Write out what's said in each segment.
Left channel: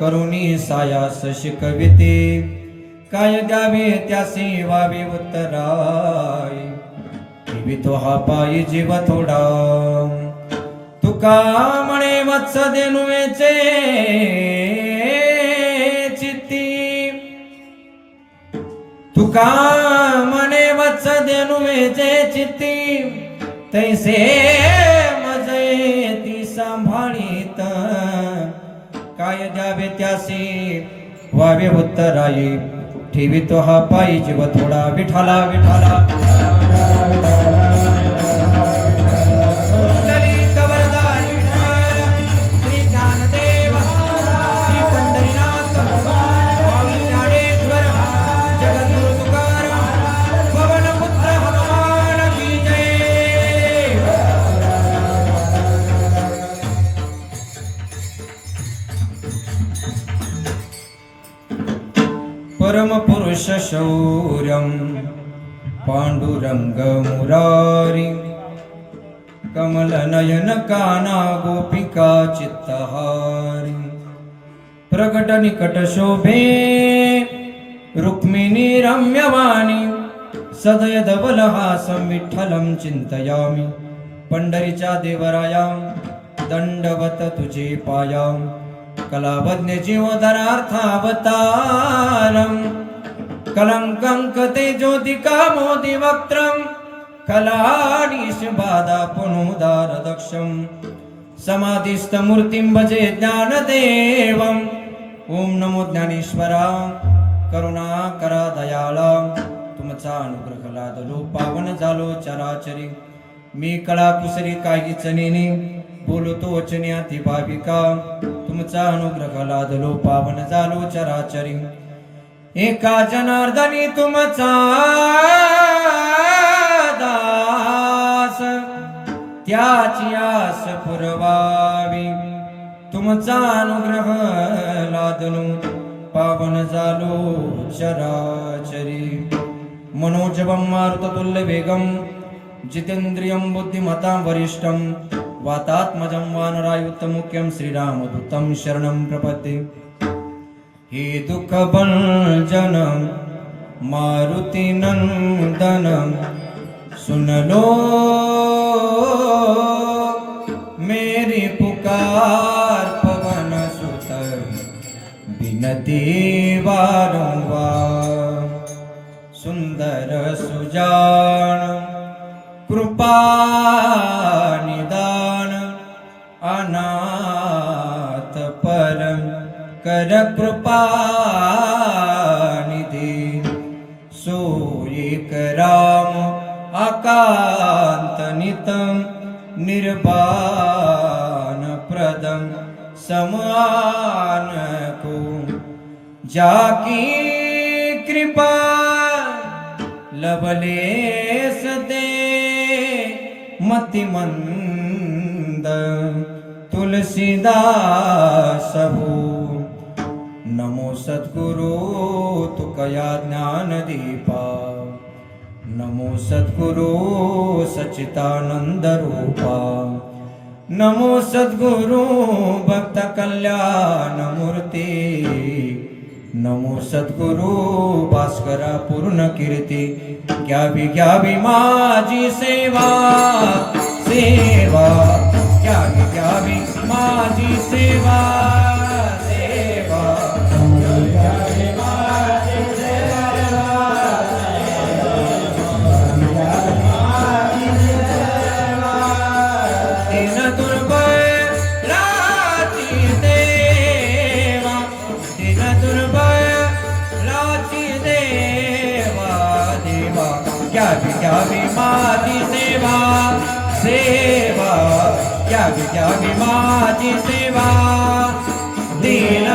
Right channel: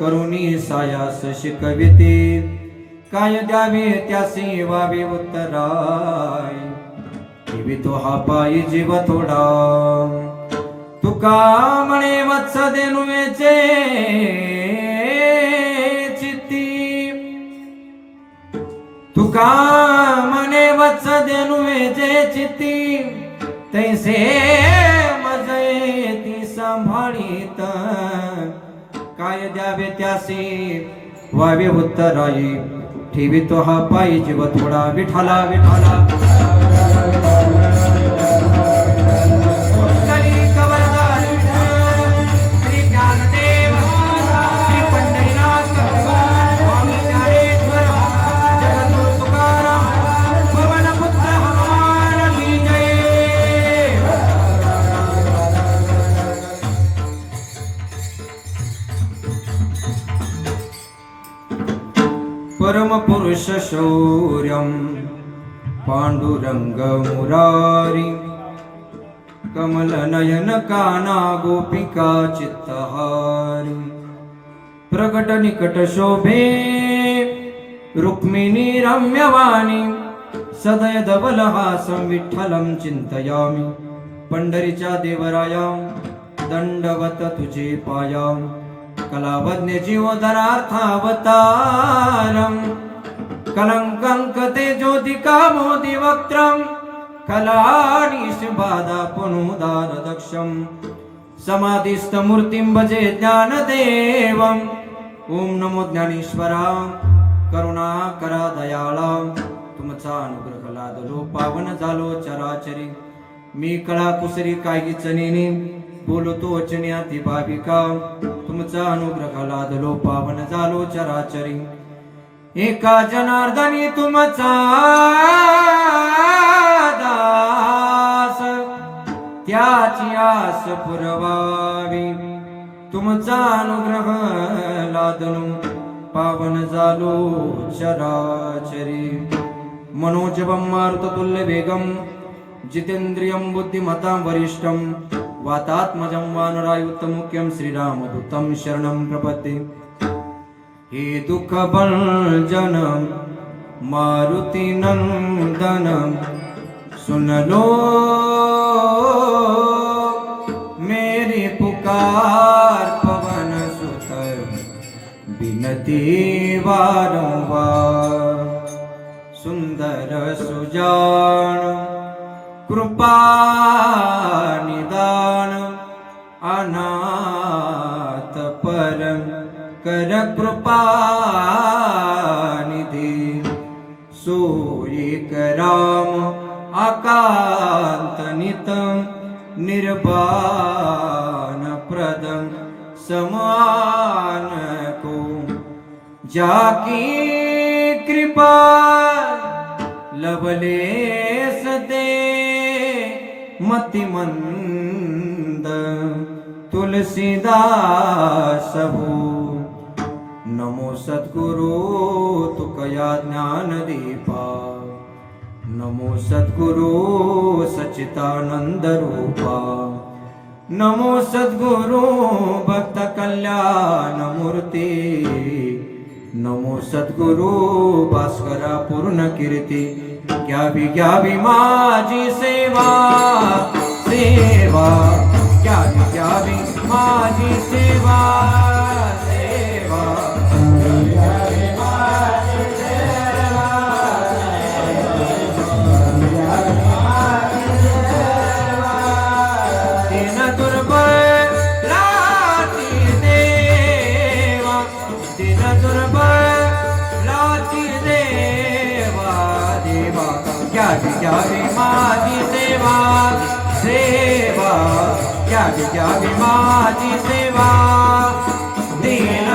करुणी सायास शिकविते काय द्यावे त्यासी वावे उत्तराय जीवितो हा पायी जीव थोडा तुका म्हणे वत्स देनुवेचे चित्ती तुका म्हणे वत्स देनुवेचे चित्ती तैसे मजे ती सांभाळीत काय द्यावे त्यासी वावे उत्तराई ठेवितो हा पायी जीव थोडा विठाला विठाला परम पुरुष शौर्यं पांडुरंग मुरारी कमल नयन काना गोपिका चित्तहारी प्रकट निकट शोभे रुक्मिणी रम्यवाणी सदय धवल हासं विठ्ठलं चिंतयामि पंढरीच्या देवराया दंडवत तुझे पाया कलावज्ञ जीवोदरार्थावतारं कलंकं कते ज्योतिका मोदि वक्त्रं कलानीश बाधा पुनुदार दक्षं समाधिस्थ मूर्तिं भजे ज्ञानदेवं ओम नमो ज्ञानेश्वरा करुणाकरा दयाळा तुमचा अनुग्रह लादलो पावन झालो चराचरी मी कळा कुसरी काहीच नेने बोलतो वचन्याती भाविका तुमचा अनुग्रह लादलो पावन झालो चराचरी एका जनार्दनी तुमचा दास त्याची आस पुरवावी तुमचा अनुग्रह लादलो पावन झालो चराचरी मनोजवं मारुततुल्य वेगं जितेंद्रियं बुद्धिमतां वरिष्ठं वातात्मजं वानरायुतमुख्यं श्रीरामदूतं शरणं प्रपद्ये हे दुःखभंजन मारुति नंदन सुन लो मेरी पुकार पवन सुत बिनती वारंवार सुंदर सुजान कृपा निदान अनाथ परम कर कृपा निधि सोयिक राम आकांत नितम निर्वाण प्रदम समान को जाकी कृपा लवलेस दे मतिमंद तुलसीदास हो नमो सद्गुरु तुकया ज्ञान दीपा नमो सद्गुरु सच्चिदानंद रूपा नमो सद्गुरु भक्त कल्याण मूर्ती नमो सद्गुरु भास्करा पूर्ण कीर्ती घ्यावी घ्यावी माझी सेवा सेवा घ्यावी घ्यावी माझी सेवा सेवा घ्यावी माझी सेवा दिन दुर्बलाची देवा दिन दुर्बलाची देवा देवा घ्यावी घ्यावी माझी सेवा सेवा त्यागी त्यागी माझी सेवा दीन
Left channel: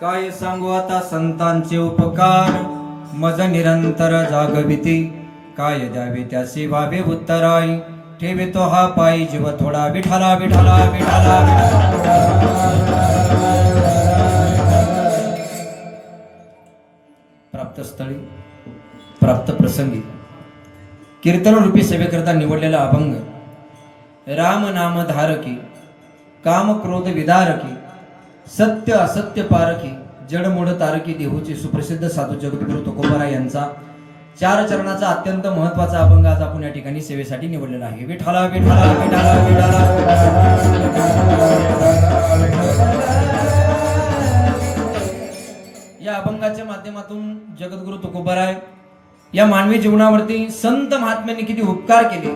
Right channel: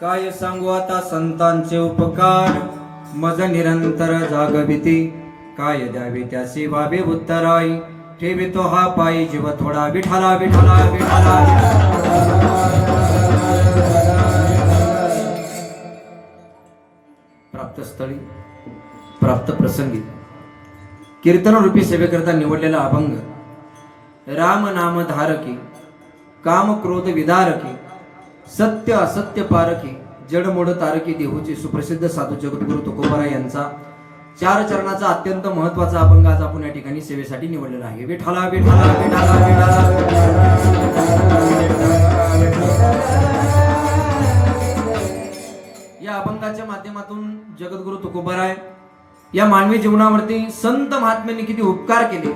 काय सांगू आता संतांचे उपकार मज निरंतर जागविती काय द्यावे त्याचे वावे उत्तराई ठेवितो हा पायी जीव थोडा विठाला विठाला विठाला प्राप्त स्थळी प्राप्त प्रसंगी कीर्तन रूपी सेवेकरता निवडलेला अभंग राम नाम धारकी काम क्रोध विदारकी सत्य असत्य पारखी जडमोड तारकी देहूचे सुप्रसिद्ध साधू जगद्गुरु तुकोबाराय यांचा 4 चरणाचा अत्यंत महत्वाचा अभंग आज आपण या ठिकाणी सेवेसाठी निवडलेला आहे विठाला विठाला विठाला विठाला या अभंगाच्या माध्यमातून जगद्गुरु तुकोबाराय या मानवी जीवनावरती संत महात्म्यांनी किती उपकार केले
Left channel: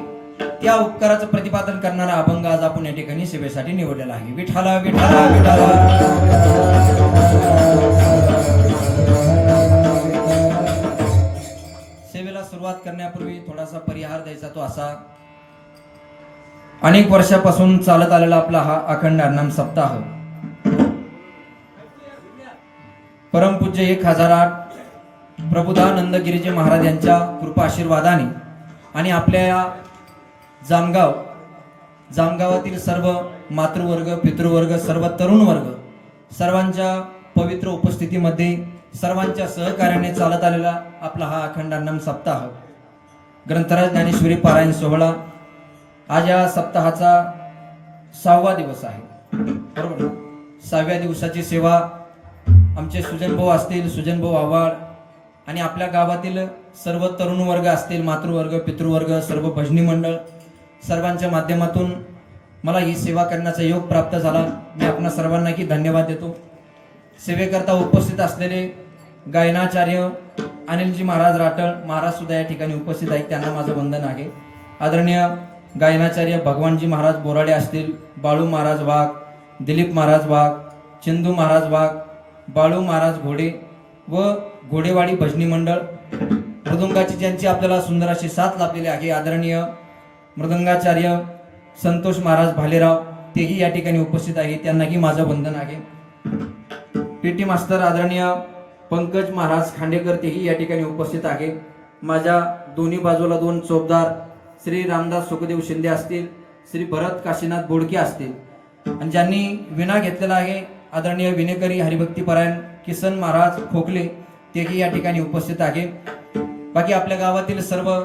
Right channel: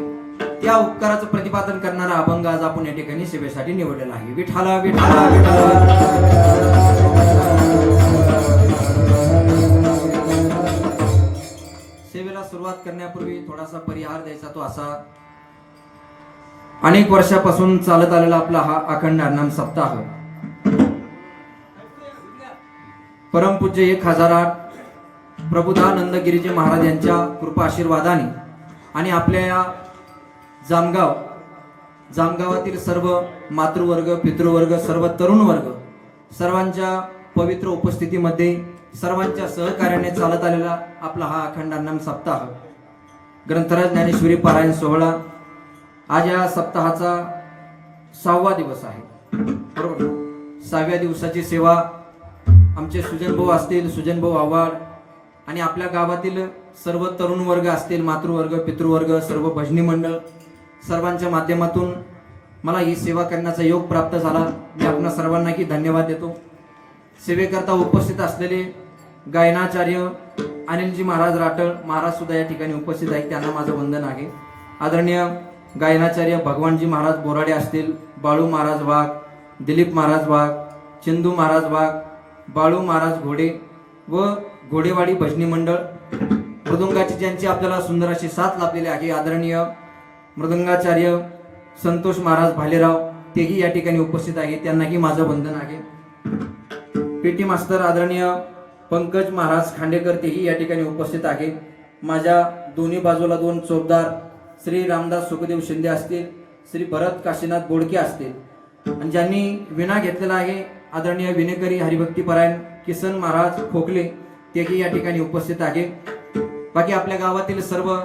त्या उपकाराचं प्रतिपादन करणारा अभंग आज आपण या ठिकाणी सेवेसाठी निवडलेला आहे विठाला विठाला विठाला सेवेला सुरुवात करण्यापूर्वी थोडासा परिहार द्यायचा तो असा अनेक वर्षापासून चालत आलेला आपला हा अखंड हरिनाम सप्ताह परमपूज्य 1008 प्रबुधानंद गिरीजी महाराज यांच्या कृपा आशीर्वादाने आणि आपल्या या जामगावातील सर्व मातृवर्ग पितृवर्ग सर्व तरुण वर्ग सर्वांच्या पवित्र उपस्थितीमध्ये सर्वांच्या सहकार्याने चालत आलेला आपला हा अखंड हरिनाम सप्ताह ग्रंथराज ज्ञानेश्वरी पारायण सोहळा आज या सप्ताहाचा 6वा दिवस आहे बरोबर 6व्या दिवसाची सेवा आमचे सुजनभाऊ असतील सुजनभाऊ आव्हाड आणि आपल्या गावातील सर्व तरुण वर्ग असतील मातृवर्ग पितृवर्ग सर्व भजनी मंडळ सर्वांच्या माध्यमातून मला ही सेवा करण्याचा योग प्राप्त झाला मी आपणा सर्वांना की धन्यवाद देतो सेवेकरता उपस्थित असलेले गायनाचार्य अनिलजी महाराज राटळ महाराज सुद्धा या ठिकाणी उपस्थित आहेत त्यांना माझं वंदन आहे आदरणीय गायनाचार्य भगवानजी महाराज बोराडे असतील बाळू महाराज वाघ दिलीप महाराज वाघ चंदू महाराज वाघ बाळू महाराज घोडे व घोडेवाडी भजनी मंडळ मृदुंगाची ज्यांची आपल्याला सुंदर अशी साथ लाभलेली आहे आदरणीय मृदंगाचार्य संतोष महाराज भालेराव तेही या ठिकाणी उपस्थित आहे त्यांनाही माझं वंदन आहे पीटी मास्तर आदरणीय पंकज महाराज खांडेकर तेही या ठिकाणी उपस्थित आहे माझ्या दोन्ही बाजूला 2 चोपदार श्री रामदास सुखदेव शिंदे असतील श्री भरत काशीनाथ बोडके असतील आणि ज्यांनी विणा घेतलेला आहे आदरणीय विनेकरी हरिभक्तीपरायण किसन महाराज खोकले तेही या ठिकाणी उपस्थित आहे बाकी आपल्या गावातील सर्व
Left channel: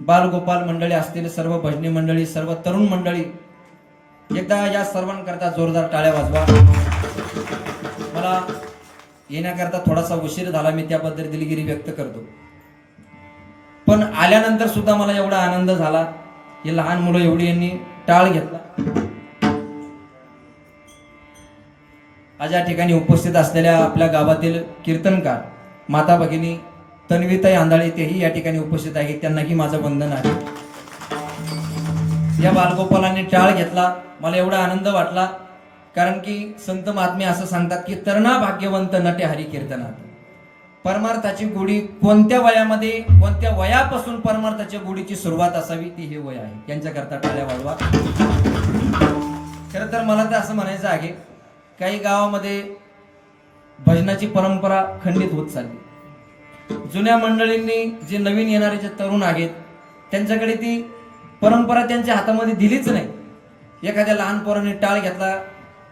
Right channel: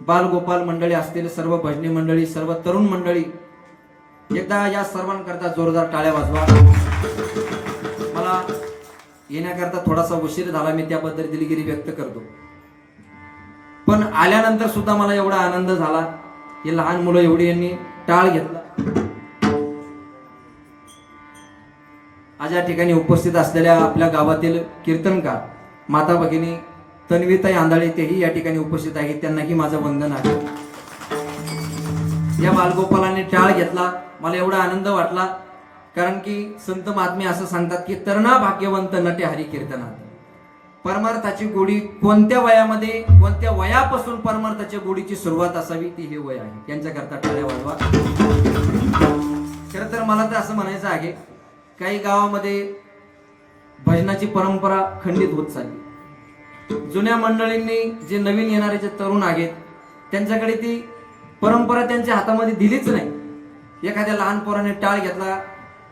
बालगोपाल मंडळी असतील सर्व भजनी मंडळी सर्व तरुण मंडळी एकदा या सर्वांकरता जोरदार टाळ्या वाजवा मला येण्याकरता थोडासा उशीर झाला मी त्याबद्दल दिलगिरी व्यक्त करतो पण आल्यानंतर सुद्धा मला एवढा आनंद झाला हे लहान मुलं एवढी यांनी टाळ घेतला आज या ठिकाणी उपस्थित असलेल्या आपल्या गावातील कीर्तनकार माता भगिनी तन्वीताई आंधळे तेही या ठिकाणी उपस्थित आहेत त्यांनाही माझं वंदन आहे या बालगोपालांनी टाळ घेतला मला एवढा आनंद वाटला कारण की संत महात्मे असं सांगतात की तरणा भाग्यवंत नटे हरी कीर्तनात परमार्थाची गोडी कोणत्या वयामध्ये कोणत्या वयापासून परमार्थाच्या गोडीची सुरुवात असावी ती हे वय आहे यांच्याकरता टाळ्या वाजवा खरं तर मला तर असं म्हणायचं आहे काही गावामध्ये भजनाची परंपरा खंडित होत चालली जुन्या मंडळींनी जे नवीन येणारे जे तरुण आहेत त्यांच्याकडे ती परंपरा त्यांच्या हातामध्ये दिलीच नाही एखाद्या लहान पोराने टाळ घेतला,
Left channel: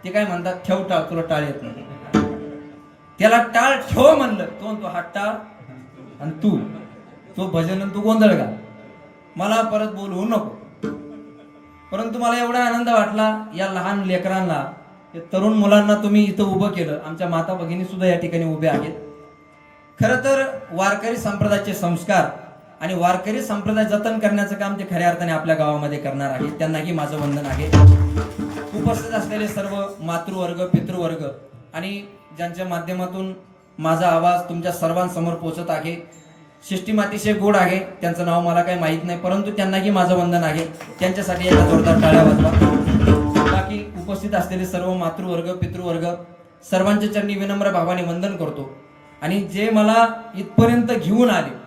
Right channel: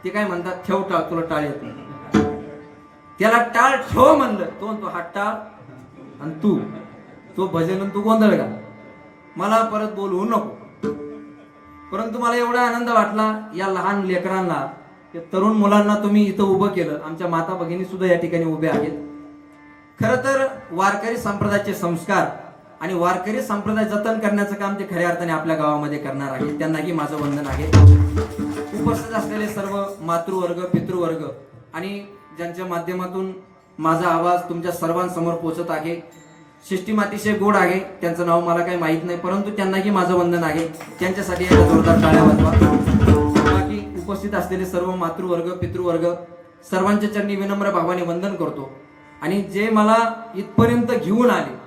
ते काय म्हणतात, ठेव टाळ, तुला टाळ येत नाही. त्याला टाळ ठेव म्हणलं, तो म्हणतो हा टाळ आणि तो भजन आणि तू गोंधळ घाल, मला परत बोलवू नको. परंतु मला एवढा आनंद वाटला, या लहान लेकरांना, या तरुण मुलांना तुम्ही इथं उभं केलं. आमच्या माता भगिनी सुद्धा या ठिकाणी उभ्या आहेत. खरं तर वारकरी संप्रदायाचे संस्कार आणि वारकरी संप्रदाय जतन करण्याचं काम ते खऱ्या अर्थाने आपल्या गावामध्ये करणार आहे. त्यांनाही माझं वंदन आहे. उपस्थित असलेले सर्व मातृवर्ग, पितृवर्ग आणि ज्यांच्या माध्यमातून माझा आवाज तुमच्या सर्वांसमोर पोहोचत आहे, सिस्टीम अतिशय गोड आहे. त्यांचं नाव मला काही माहित नाही, परंतु त्यांनाही माझं वंदन आहे. त्यांच्यासाठी एका जोरदार टाळ्या वाजवा. बाकी उपस्थित असलेले सर्व मातृवर्ग, पितृवर्ग सर्वांच्या चरणी विनम्र भावाने वंदन करतो. आणि जे मला इथपर्यंत घेऊन आले,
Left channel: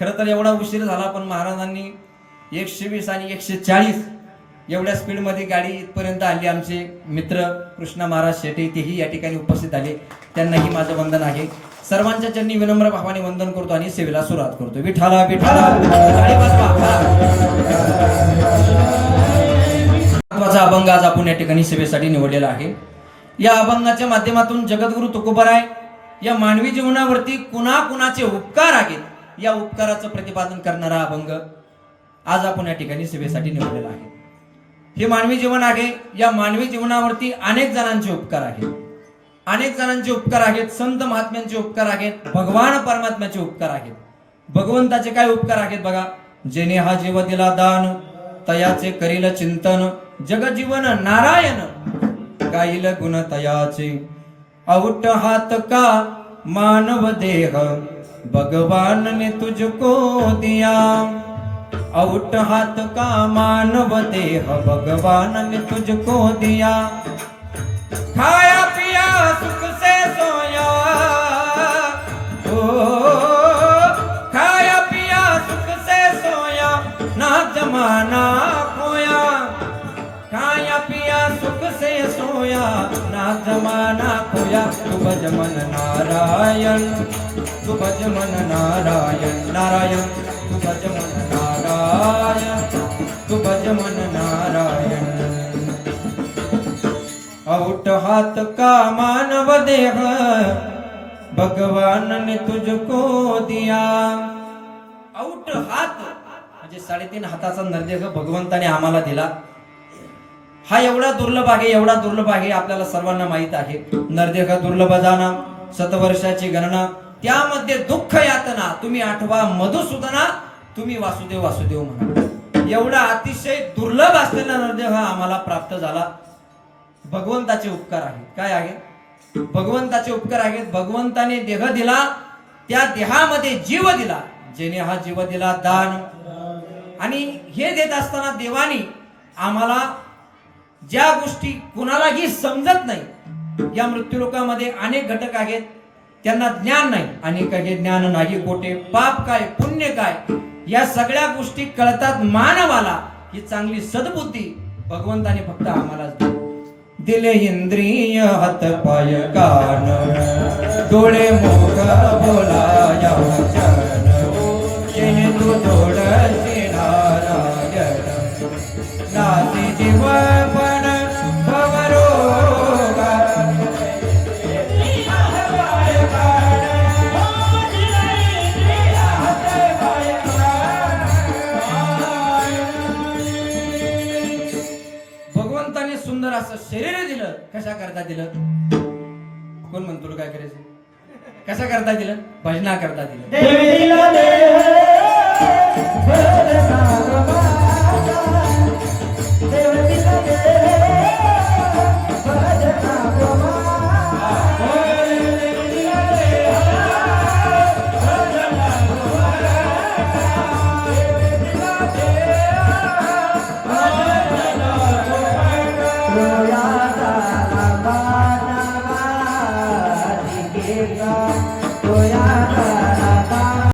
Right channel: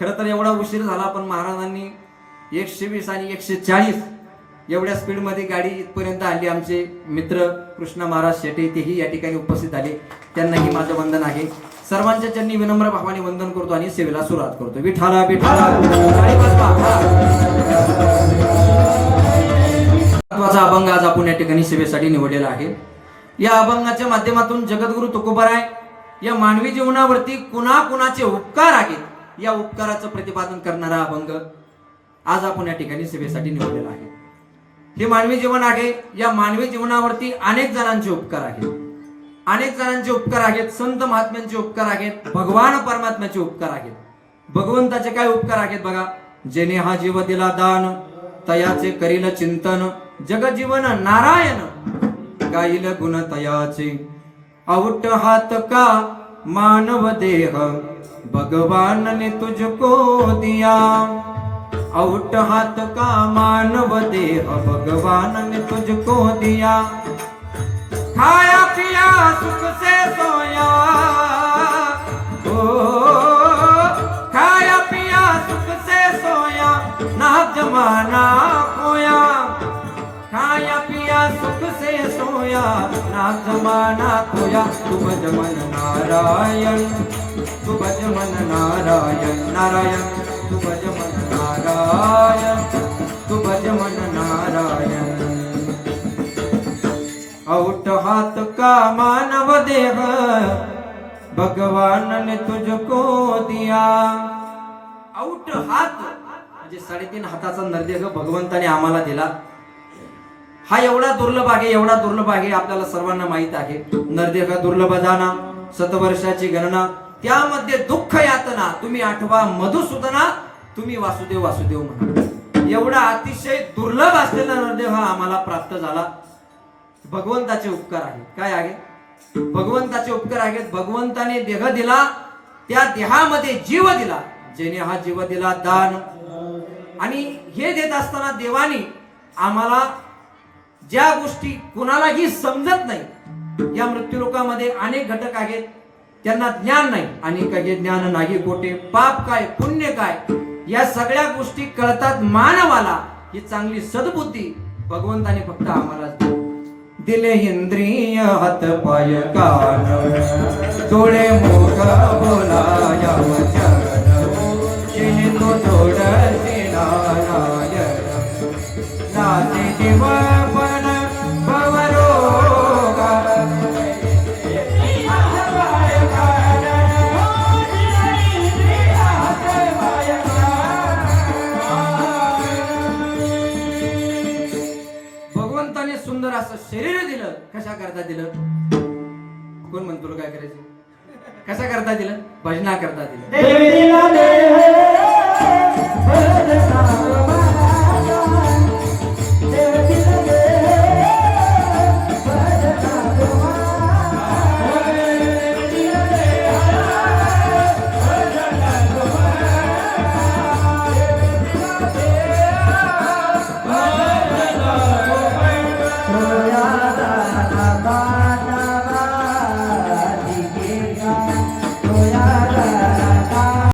खरं तर एवढा उशीर झाला, पण महाराजांनी 120 आणि 140 एवढ्या स्पीडमध्ये गाडी इथपर्यंत आणली. आमचे मित्र कृष्णा महाराज शेटे तेही या ठिकाणी उपस्थित आले. त्यांनाही माझं वंदन आहे. सर्वांच्या चरणी विनम्र भावाने वंदन करतो आणि सेवेला सुरुवात करतो. विठाला विठाला. महत्वाचा अभंग आज आपण या ठिकाणी सेवेसाठी निवडलेला आहे. या अभंगाच्या माध्यमातून जगद्गुरु तुकोबाराय या मानवी जीवनावरती कुणाकुणाचे उपकार आहेत, या उपकाराचं प्रतिपादन करणारा अभंग आज आपण या ठिकाणी सेवेसाठी निवडलेला आहे. हे मानवी जीवन आहे. या मानवी जीवनावरती अनेक जणांचे उपकार आहेत. अनेक जणांचे उपकार आहेत. संत महात्म्यांचे उपकार आहेत. भगवान परमात्म्याचे उपकार आहेत. भगवंताचे काय उपकार आहेत बघा. जेने हा जीव दिला दान, तयाचे करील चिंतन, जगजीवन नारायण गाईल गुण तयाचे. औट हात का मानव देह, भगवान ने तुझको दिया. औट हाथ का मानव देह, भगवान ने तुझको दिया. खाया पिया सुख से सोया, ओ खाया पिया सुख से सोया, ना जमाना खोया. खाया पिया सुख से सोया, ना जमाना खोया. तू भज मन नारायण, तू भज मन नारायण, नारायण तू भज मन नारायण, तू भज मन नारायण. औट हाथ का मानव देह, भगवान ने तुझको दिया. औट हात म्हणजे 3.5 हाताचा नरदेह भगवंताने आम्हाला दिला. हा एवढा दुर्लभ आहे, एवढा दुर्लभ आहे, आपल्याला सर्वांना माहित आहे. नरदेह दुर्लभ जाना, शतवर्षाची गणना, त्यामध्ये दुःख यातना. तुम्ही आठवा मधुसूदना, तुम्ही वासुदेव वासुदेव म्हणा. एवढा अतिशय दुर्लभ असलेला नरदेह आम्हाला प्राप्त झाला. भगवंताचे उपकार आहेत. काय आहे? भगवंताचे उपकार आहेत. भगवंताने देह दिला, त्या देहामध्ये जीव दिला. जेने हा जीव दिला दान. आणि हे देत असताना देवानी आम्हाला ज्या गोष्टी कुणालाही समजत नाही, या मृत्यूलोकामध्ये अनेक घटक आहेत, त्यांना ज्ञान नाही. अनेक हे ज्ञान नाही कोठे, पाप काय पुण्य काय, या सगळ्या गोष्टी कळतात मानवाला. ही चांगली सद्बुद्धी भगवंताने फक्त आम्हालाच दिले. इंद्रिय हात पाय कान, डोळे मुख बोलाया चरण, तो डोळ्याचे नारायण. नाते जीव पण भवरोगा, भगवंताने सुंदर असं शरीर दिलं. कशा करता दिलं? कोण म्हणतो तुला काय करायचं? कशा करता दिलं? भजना करता दिलं. देव